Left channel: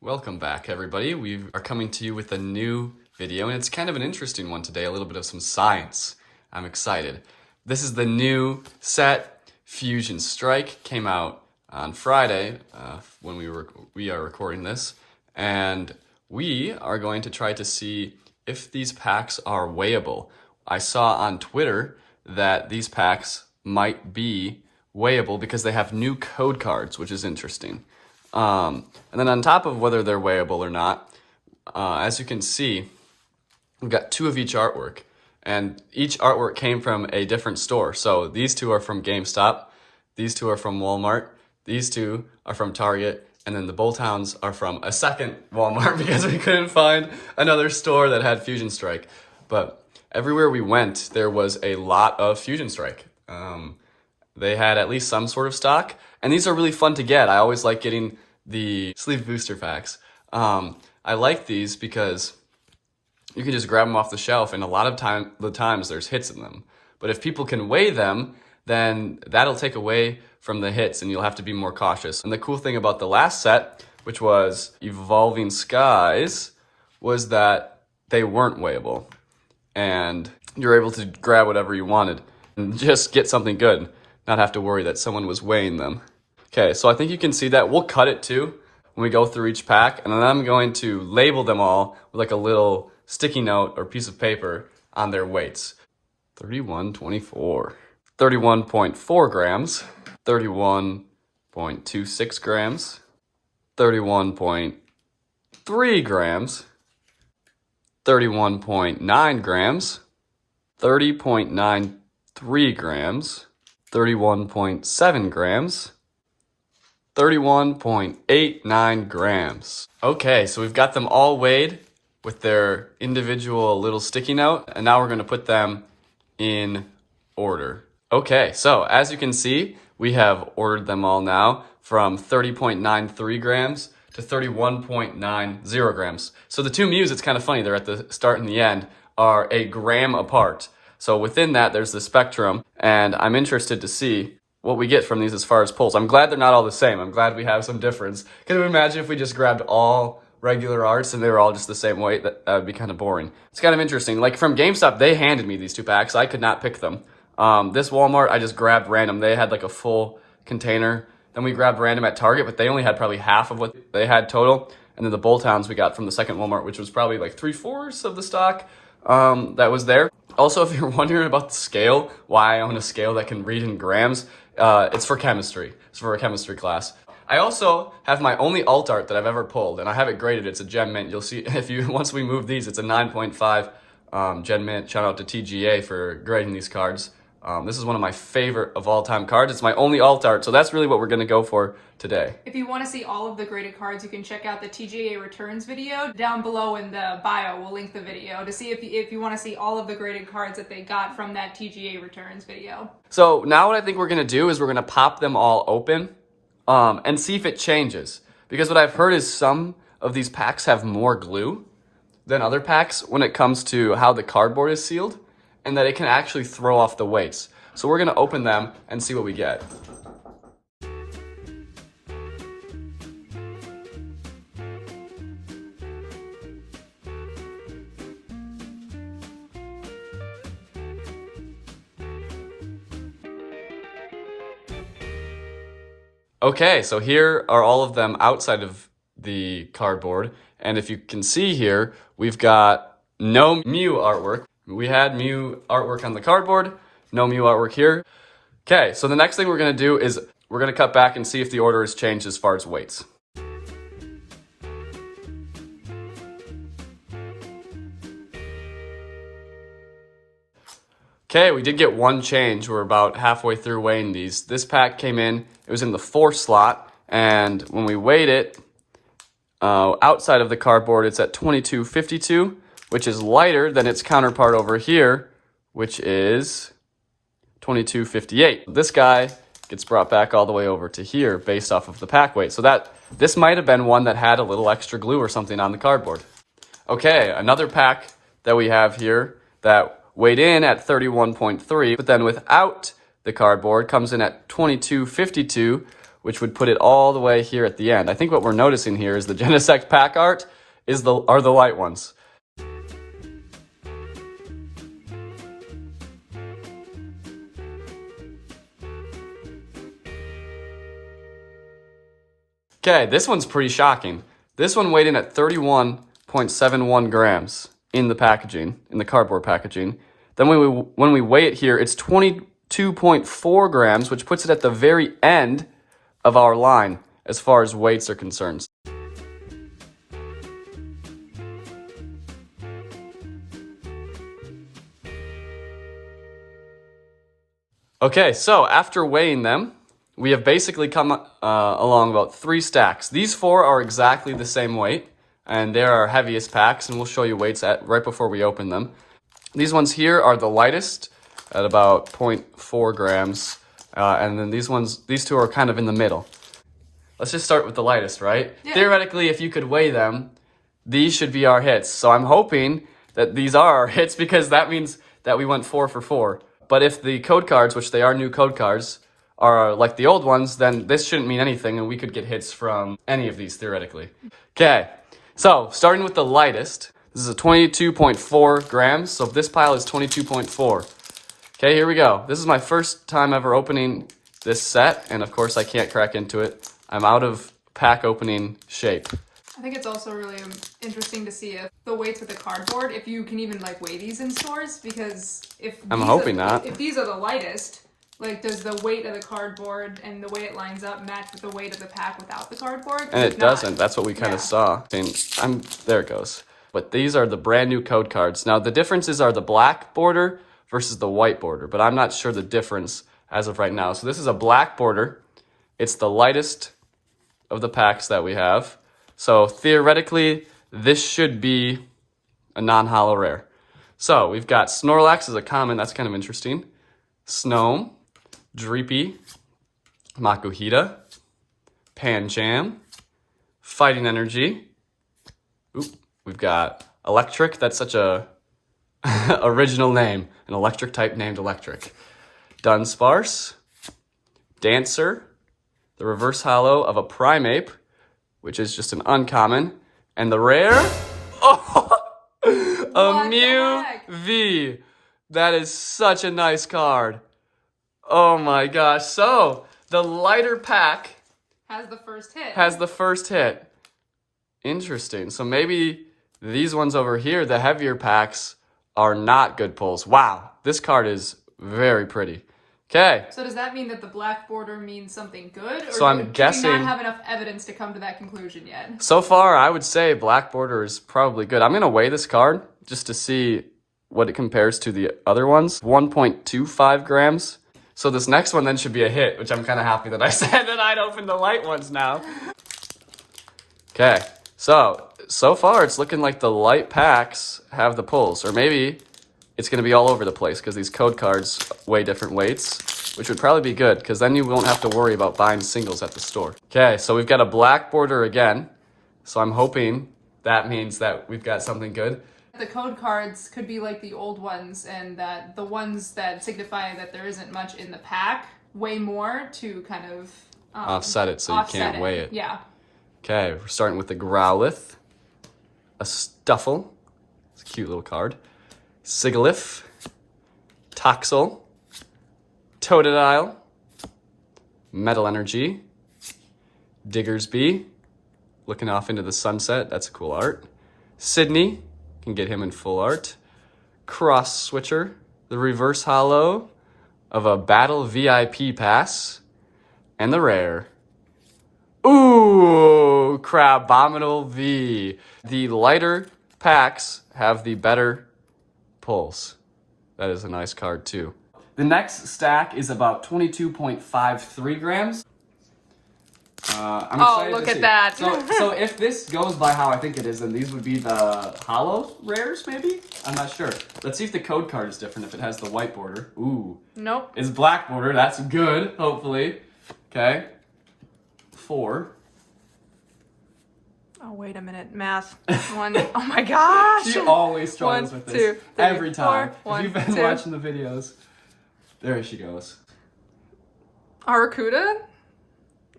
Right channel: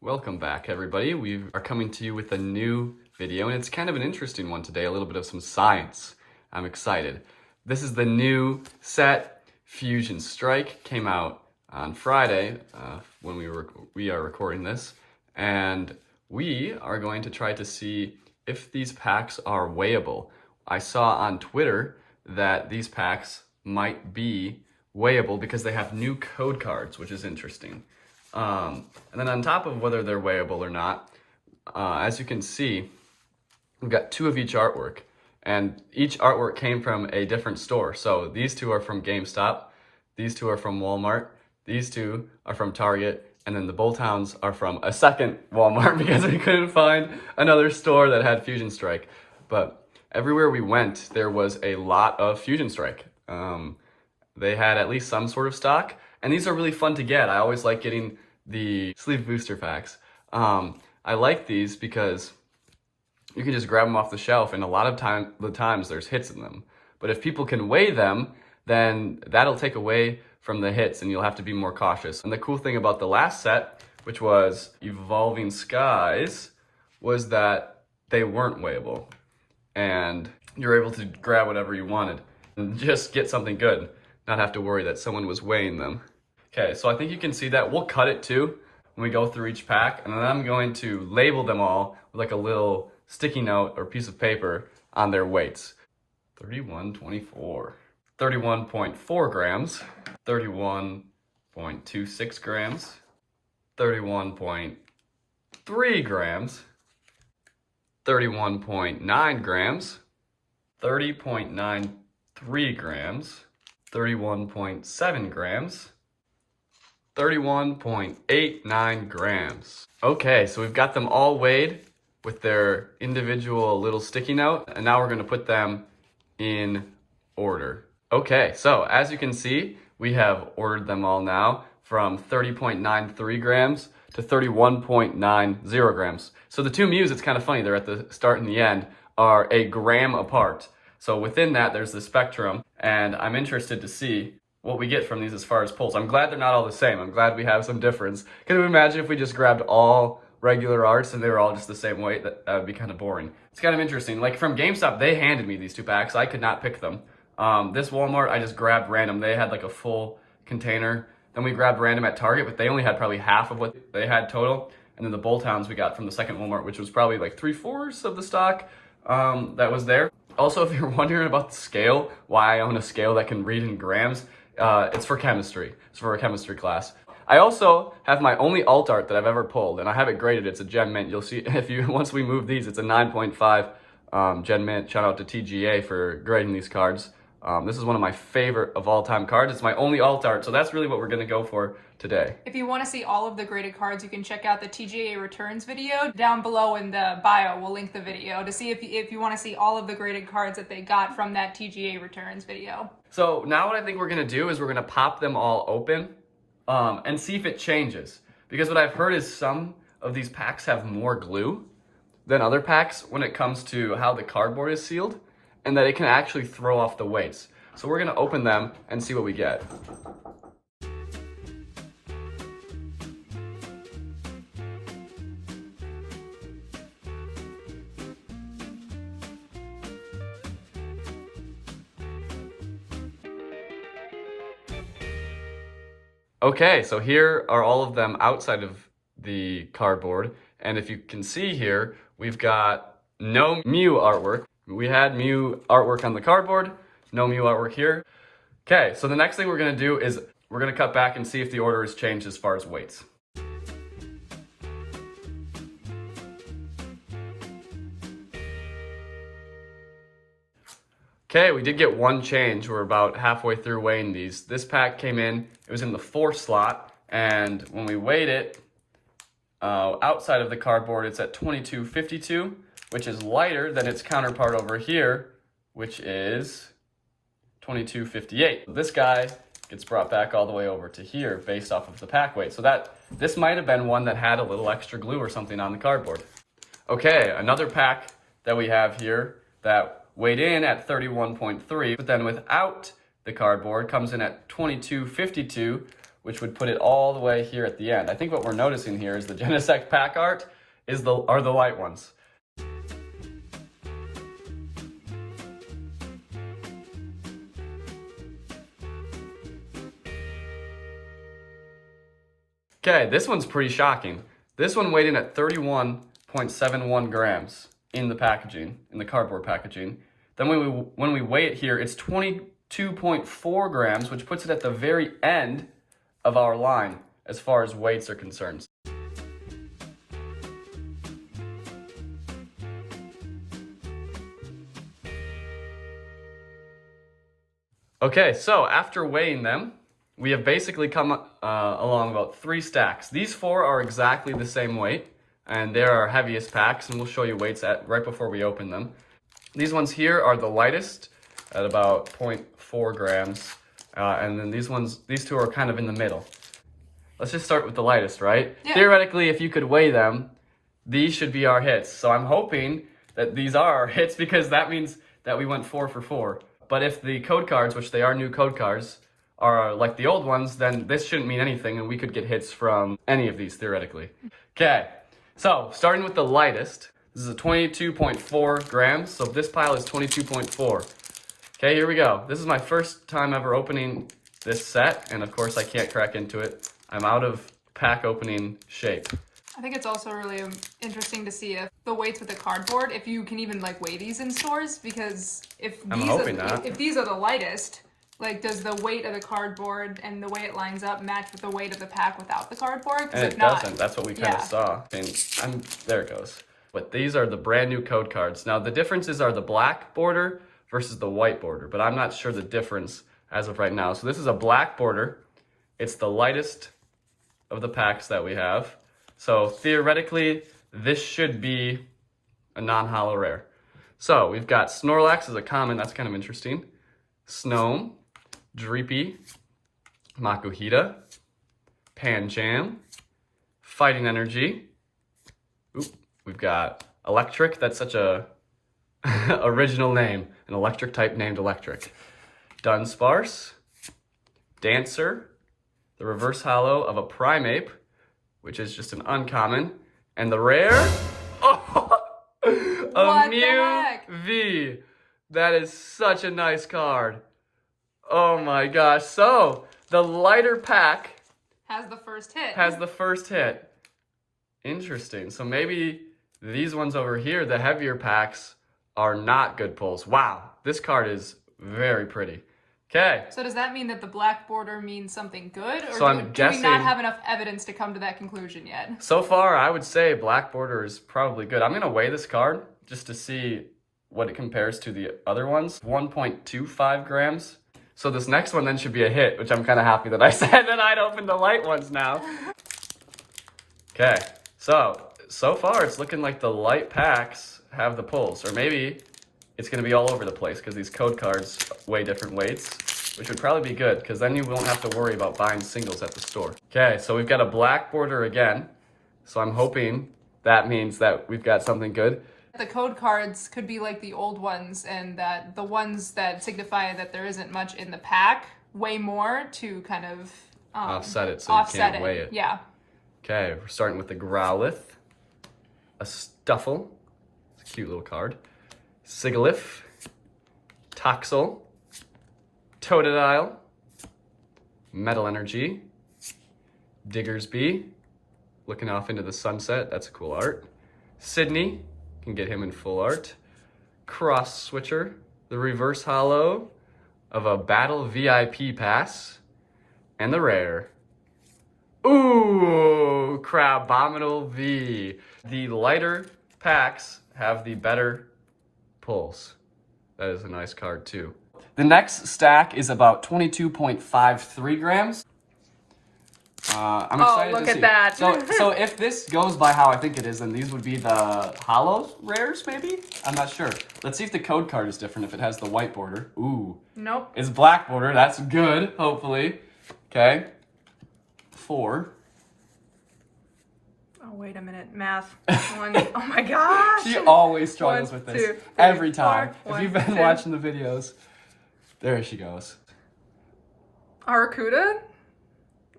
Welcome back, everybody. We are coming to you with a new video, and it's kind of an interesting one today, a little bit of some science. I'm excited. This is the new set, Fusion Strike. Came out on Friday when we are recording this, and we are going to try to see if these packs are weighable. I saw on Twitter that these packs might be weighable because they have new code cards, which is interesting. And then on top of whether they're weighable or not, as you can see, we've got two of each artwork, and each artwork came from a different store. So these two are from GameStop, these two are from Walmart, these two are from Target, and then the Bulltowns are from a second Walmart because we couldn't find another store that had Fusion Strike. But everywhere we went, there was a lot of Fusion Strike. They had at least some sort of stock, and these are really fun to get. I always like getting the sleeve booster packs. I like these because you can just grab them off the shelf, and a lot of times there's hits in them. But if people can weigh them, then that'll take away from the hits, and you'll have to be more cautious. And the cool thing about the last set, which was Evolving Skies, was that they weren't weighable, and you're able to grab whatever you wanted and just get something good, not have to worry that someone was weighing them. Okay, so I think you can see that. We'll cut it too when we go through each pack, and then I'm going to label them all with like a little sticky note or piece of paper on their weights. 31.24, 31.4 grams, 31.26 grams, 31.3 grams, 31.9 grams, 30.93 grams, 31.7 grams, 31.89 grams. Okay, so we've got them all weighed with their individual little sticky note, and now we're going to put them in order. Okay, so as you can see, we have ordered them all now from 30.93 grams to 31.90 grams. So the two Mews, it's kind of funny, they're at the start and the end, are a gram apart. So within that, there's the spectrum, and I'm interested to see what we get from these as far as pulls. I'm glad they're not all the same. I'm glad we have some difference. Can you imagine if we just grabbed all regular arts and they were all just the same weight? That would be kind of boring. It's kind of interesting. Like from GameStop, they handed me these two packs. I could not pick them. This Walmart, I just grabbed random. They had like a full container. Then we grabbed random at Target, but they only had probably half of what they had total. And then the Bulltowns we got from the second Walmart, which was probably like 3/4 of the stock that was there. Also, if you're wondering about the scale, why I own a scale that can read in grams, it's for chemistry. It's for a chemistry class. I also have my only alt art that I've ever pulled, and I have it graded. It's a Gem Mint. You'll see once we move these, it's a 9.5 Gem Mint. Shout out to TGA for grading these cards. This is one of my favorite of all time cards. It's my only alt art, so that's really what we're going to go for today. If you want to see all of the graded cards, you can check out the TGA Returns video. Down below in the bio, we'll link the video to see if you want to see all of the graded cards that they got from that TGA Returns video. So now what I think we're going to do is we're going to pop them all open and see if it changes. Because what I've heard is some of these packs have more glue than other packs when it comes to how the cardboard is sealed, and that it can actually throw off the weights. So we're going to open them and see what we get. Okay, so here are all of them outside of the cardboard. And if you can see here, we've got no Mew artwork. We had Mew artwork on the cardboard, no Mew artwork here. Okay, so the next thing we're gonna do is we're gonna cut back and see if the order has changed as far as weights. Okay, we did get one change. We're about halfway through weighing these. This pack came in, it was in the 4 slot, and when we weighed it, outside of the cardboard, it's at 22.52, which is lighter than its counterpart over here, which is 22.58. This guy gets brought back all the way over to here based off of the pack weight. So this might have been one that had a little extra glue or something on the cardboard. Okay, another pack that we have here that weighed in at 31.3, but then without the cardboard comes in at 22.52, which would put it all the way here at the end. I think what we're noticing here is the Genesect pack art are the light ones. Okay, this one's pretty shocking. This one weighed in at 31.71 grams in the packaging, in the cardboard packaging. Then when we weigh it here, it's 22.4 grams, which puts it at the very end of our line as far as weights are concerned. Okay, so after weighing them, we have basically come along about 3 stacks. These 4 are exactly the same weight, and they're our heaviest packs, and we'll show you weights right before we open them. These ones here are the lightest at about 0.4 grams, and then these 2 are kind of in the middle. Let's just start with the lightest, right? Yeah. Theoretically, if you could weigh them, these should be our hits. So I'm hoping that these are our hits because that means that we went 4 for 4. But if the code cards, which they are new code cards, are like the old ones, then this shouldn't mean anything, and we could get hits from any of these theoretically. Okay, so starting with the lightest, this is a 22.4 grams, so this pile is 22.4. Okay, here we go. This is my first time ever opening this set, and of course I can't crack into it. I'm out of pack opening shape. I think it's also really interesting to see if the weights of the cardboard, if you can even like weigh these in stores, because if these are the lightest, like, does the weight of the cardboard and the way it lines up match with the weight of the pack without the cardboard? And it doesn't. That's what we kind of saw. There it goes. But these are the brand new code cards. Now, the differences are the black border versus the white border, but I'm not sure the difference as of right now. So this is a black border. It's the lightest of the packs that we have. So theoretically, this should be a non-holo rare. So we've got Snorlax as a common. That's kind of interesting. Snom. Dreepy, Makuhita, Pancham, Fighting Energy. Oop, we've got Electric. That's such a original name. An electric type named Electric. Dunsparce, Dancer, the reverse holo of a Primeape, which is just an uncommon, and the rare, a Mew V. That is such a nice card. Oh my gosh. So, the lighter pack has the first hit. Interesting. So maybe these ones over here, the heavier packs, are not good pulls. Wow. This card is very pretty. Okay. So does that mean that the black border means something good? Or so I'm guessing... do we not have enough evidence to come to that conclusion yet? So far, I would say black border is probably good. I'm going to weigh this card just to see what it compares to the other ones. 1.25 grams. So this next one then should be a hit, which I'm kind of happy that I said that I'd open the light ones now. Okay, so far it's looking like the light packs have the pulls, or maybe it's going to be all over the place because these code cards weigh different weights, which would probably be good because then you won't have to worry about buying singles at the store. Okay, so we've got a black border again, so I'm hoping that means that we've got something good. The code cards could be like the old ones, and that the ones that signify that there isn't much in the pack weigh more to kind of offset it so you can't weigh it. Yeah. Okay, we're starting with the Growlithe, a Stuffle, it's a cute little card, Sigilyph, Toxel, Totodile, Metal Energy, Diggersby, looking off into the sunset, that's a cool art, Sydney, can get him in full art. Cross Switcher, the reverse holo of a Battle VIP pass, and the rare. Ooh, Crabominal V. The lighter packs have the better pulls. That is a nice card too. The next stack is about 22.53 grams. Look at that. So if this goes by how I think it is, then these would be the holo rares, maybe? I'm not sure. Let's see if the code card is different, if it has the white border. Ooh. Nope. It's black border. That's good, hopefully. Okay. 4. Oh, wait a minute. Math. 1. Oh my gosh. She always struggles with this. 2, 3, every time. 4, if you've been watching the videos. There she goes. Aracuda?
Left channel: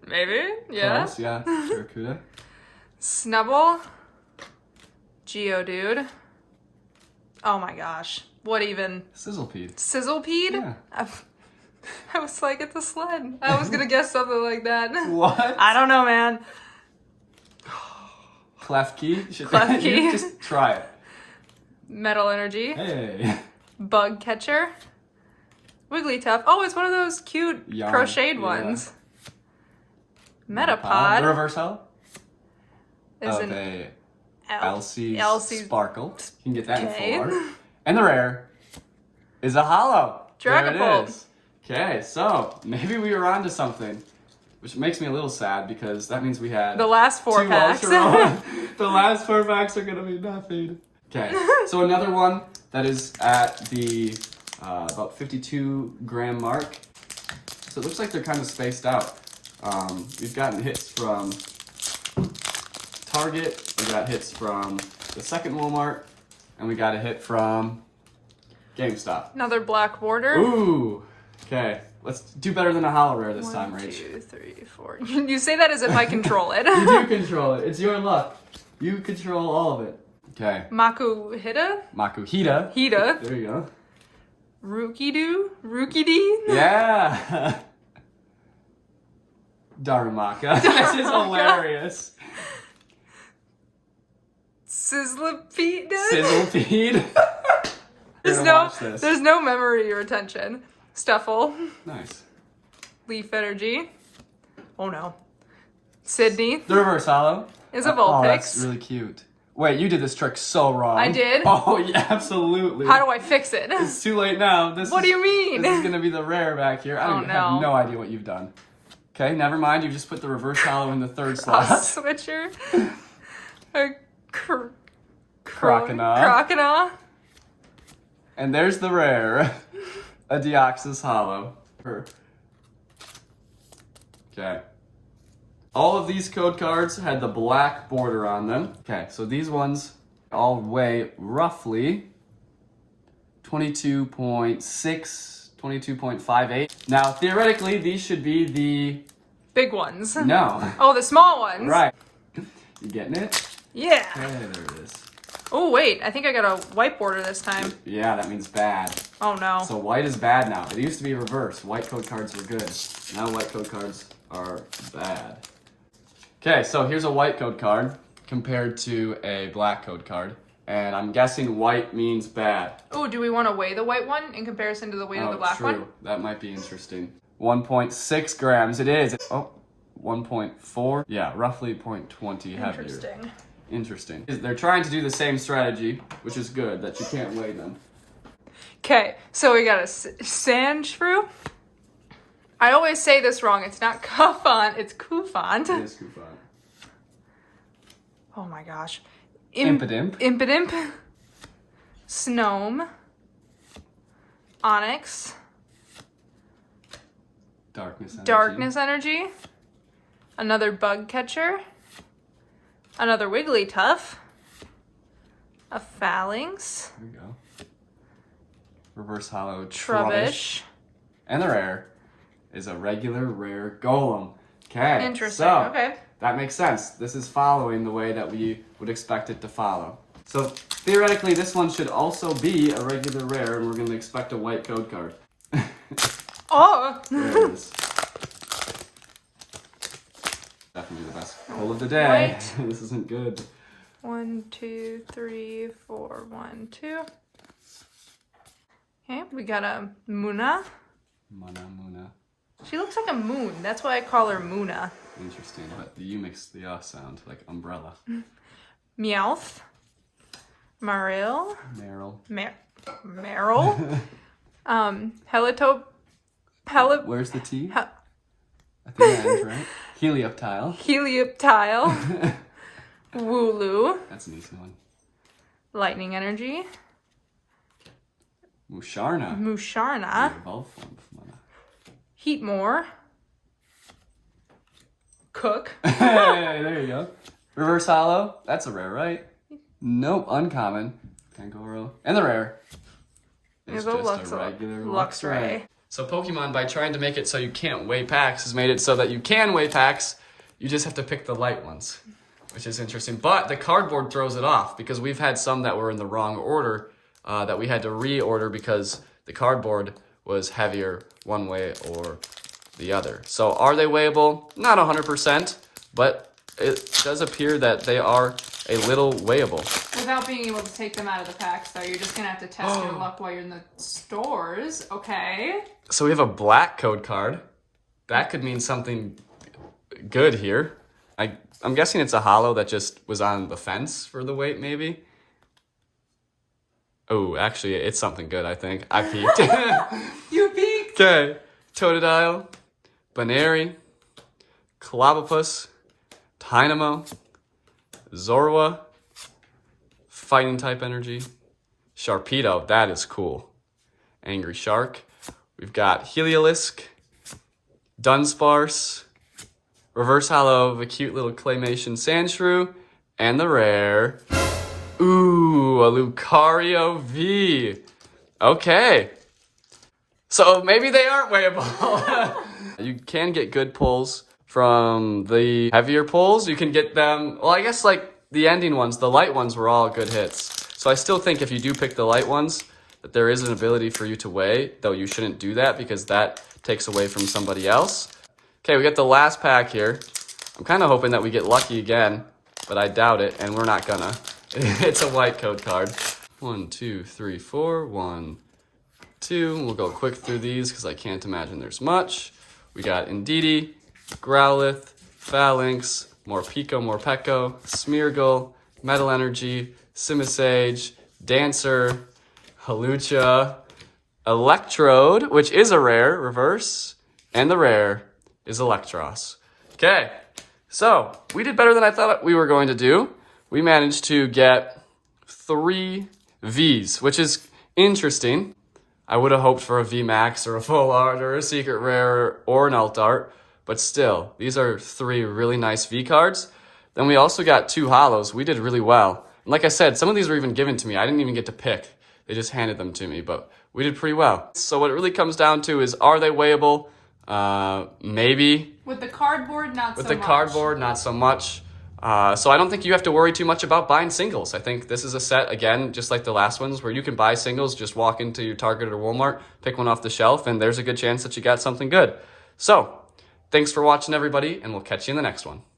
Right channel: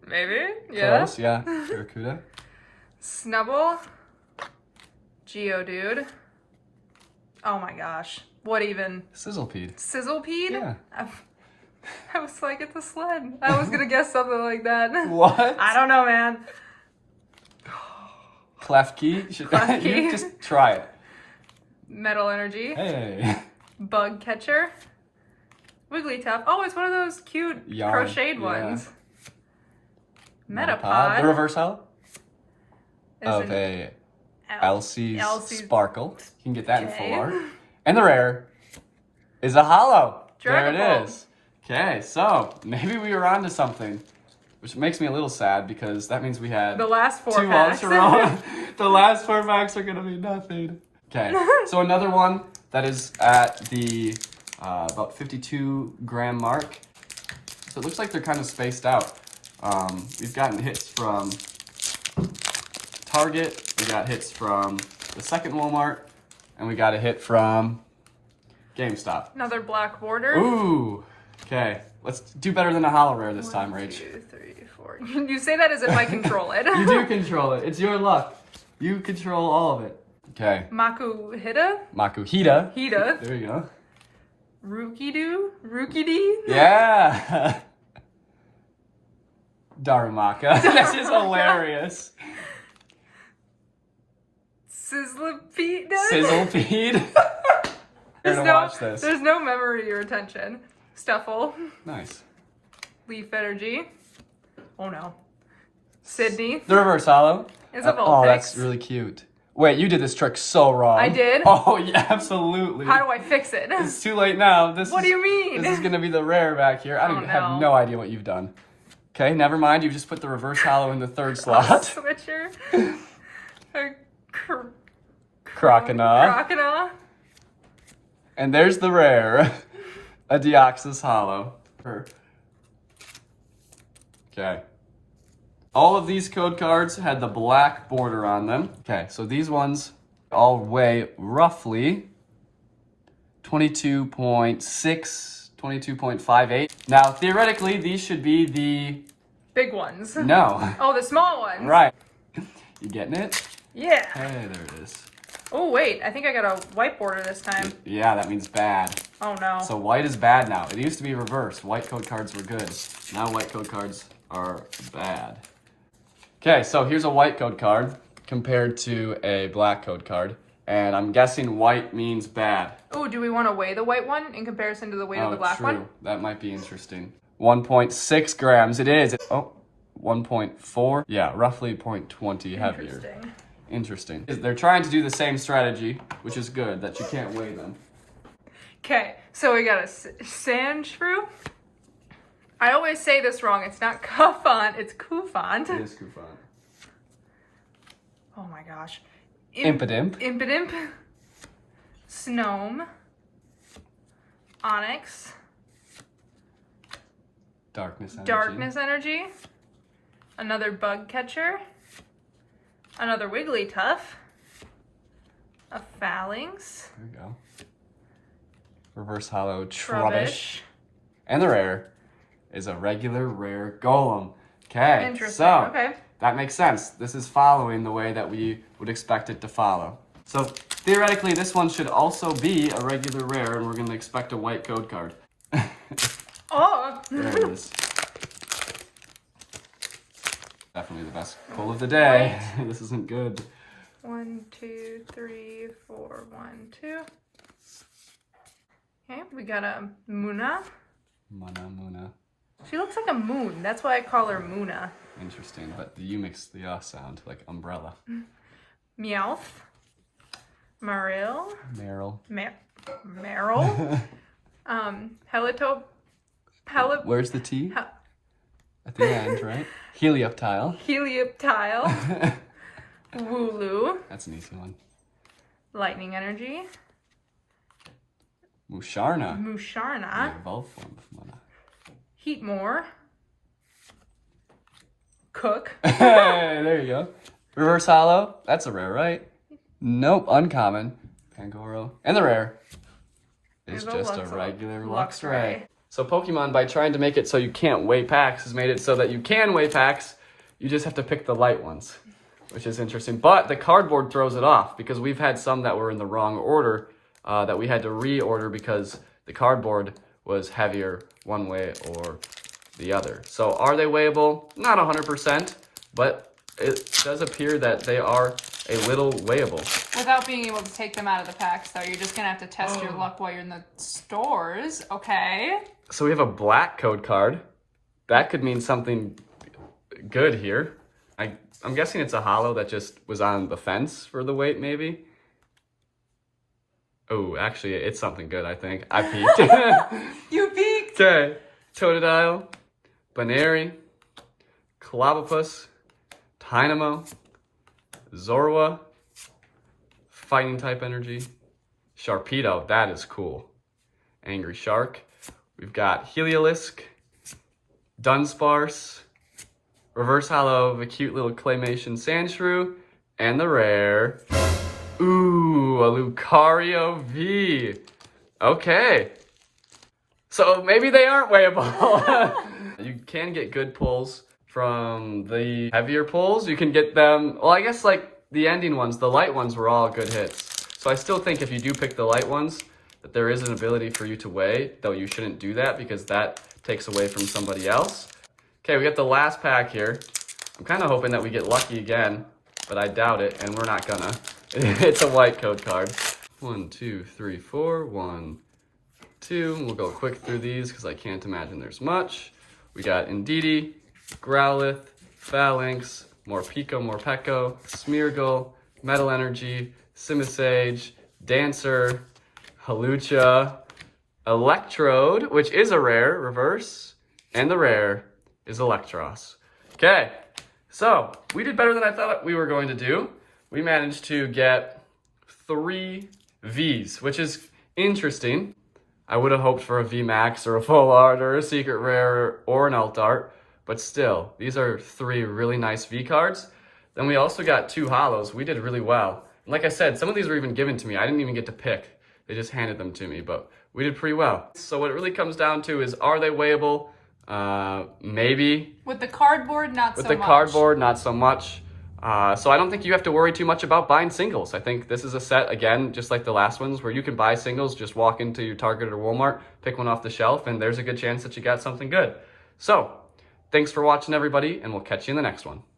Maybe? Yeah. Close, yeah. Barracuda. Snubble. Geodude. Oh my gosh. What even? Sizzlepede. Sizzlepede? Yeah. I was like, it's a sled. I was gonna guess something like that. What? I don't know, man. Klefki. Klefki. Just try it. Metal Energy. Hey. Bug Catcher. Wigglytuff. Oh, it's one of those cute crocheted ones. Metapod. The reverse holo Is of an a Elsie's Sparkle. You can get that Okay. in 4. And the rare is a holo. Dragapult. Okay, so maybe we were onto something, which makes me a little sad because that means we had The last 4 packs. The last 4 packs are gonna be nothing. Okay, so another one that is at the about 52 gram mark. So it looks like they're kind of spaced out. We've gotten hits from Target, we got hits from the second Walmart, and we got a hit from GameStop. Another black border. Ooh, okay. Let's do better than a holo rare this time, 1, Rach. 2, 3, 4. You say that as if I control it. You do control it. It's your luck. You control all of it. Okay. Makuhita. Makuhita. Hita. There you go. Rookidee. Yeah. Darumaka. This is hilarious. Sizzlepede. Sizzlepede. There's no memory or attention. Stuffle. Nice. Leaf Energy. Oh no. Sydney. The reverse holo Is a Oh, Vulpix. that's really cute. Wait, you did this trick so wrong. I did? Oh, yeah, absolutely. How do I fix it? It's too late now. What do you mean? This is going to be the rare back here. I Oh, have no. no idea what you've done. Okay, never mind. You just put the reverse holo in the 3rd slot. A switcher. A Croconaw. Croconaw. And there's the rare. A Deoxys holo. Okay. All of these code cards had the black border on them. Okay, so these ones all weigh roughly 22.6, 22.58. Now, theoretically, these should be the... Big ones. No. Oh, the small ones. Right. You getting it? Yeah. Hey, there it is. Oh, wait. I think I got a white border this time. Yeah, that means bad. Oh, no. So white is bad now. It used to be reversed. White code cards were good. Now white code cards are bad. Okay, so here's a white code card compared to a black code card. And I'm guessing white means bad. Oh, do we want to weigh the white one in comparison to the weight of the black one? That might be interesting. 1.6 grams. It is. Oh, 1.4. Yeah, roughly 0.20 heavier. Interesting. Interesting. They're trying to do the same strategy, which is good, that you can't weigh them. Okay, so we got a Sandshrew. I always say this wrong. It's not Cuffont, it's Cufant. It is Cufant. Oh my gosh. Impidimp. Impidimp. Snome. Onyx. Darkness Energy. Darkness Energy. Another Bug Catcher. Another Wigglytuff. A Phalanx. There we go. Reverse holo Trubbish. And the rare is a regular rare Golem. Okay. Interesting. So, Okay. that makes sense. This is following the way that we would expect it to follow. So theoretically, this one should also be a regular rare, and we're going to expect a white code card. Oh! There it is. Definitely the best pull of the day. This isn't good. 1, 2, 3, 4, 1, 2. Okay, we got a Muna. Muna. She looks like a moon. That's why I call her Muna. Interesting, but you mix the sound like umbrella. Meowth. Marill. Meryl. Helitop. Where's the T? I think that is right. Helioptile. Helioptile. Wooloo. That's an easy one. Lightning Energy. Musharna. Musharna. Heatmore. Cook. Hey, there you go. Reverse holo. That's a rare, right? Nope, uncommon. Kangoro. And the rare is just a regular Luxray. So Pokemon, by trying to make it so you can't weigh packs, has made it so that you can weigh packs. You just have to pick the light ones, which is interesting. But the cardboard throws it off because we've had some that were in the wrong order that we had to reorder because the cardboard was heavier one way or the other. So are they weighable? Not 100%, but it does appear that they are a little weighable. Without being able to take them out of the packs, though, you're just going to have to test your luck while you're in the stores. Okay. So we have a black code card. That could mean something good here. I'm guessing it's a holo that just was on the fence for the weight, maybe. Oh, actually, it's something good, I think. I peeked. You peeked! Okay. Totodile, Baneri, Clobbopus, Dynamo, Zorua, Fighting type energy, Sharpedo, that is cool. Angry Shark. We've got Heliolisk, Dunsparce, Reverse Hollow of a cute little claymation Sandshrew, and the rare. Ooh, a Lucario V. Okay. So maybe they aren't weighable. You can get good pulls from the heavier pulls. You can get them, well, I guess like the ending ones, the light ones were all good hits. So I still think if you do pick the light ones, that there is an ability for you to weigh, though you shouldn't do that because that takes away from somebody else. Okay, we got the last pack here. I'm kind of hoping that we get lucky again, but I doubt it, and we're not gonna. It's a white code card. 1, 2, 3, 4. 1, 2. We'll go quick through these because I can't imagine there's much. We got Indeedee, Growlithe, Phalanx, Morpeko, Morpeko, Smeargle, Metal Energy, Simisage, Dancer, Hawlucha, Electrode, which is a rare, reverse, and the rare is Electros. Okay, so we did better than I thought we were going to do. We managed to get 3 Vs, which is interesting. I would have hoped for a VMAX or a Full Art or a Secret Rare or an Alt Art, but still, these are 3 really nice V cards. Then we also got 2 holos. We did really well. And like I said, some of these were even given to me. I didn't even get to pick. They just handed them to me, but we did pretty well. So what it really comes down to is, are they weighable? Maybe. With the cardboard, not so much. With the cardboard, not so much. So I don't think you have to worry too much about buying singles. I think this is a set, again, just like the last ones, where you can buy singles, just walk into your Target or Walmart, pick one off the shelf, and there's a good chance that you got something good. So, thanks for watching, everybody, and we'll catch you in the next one.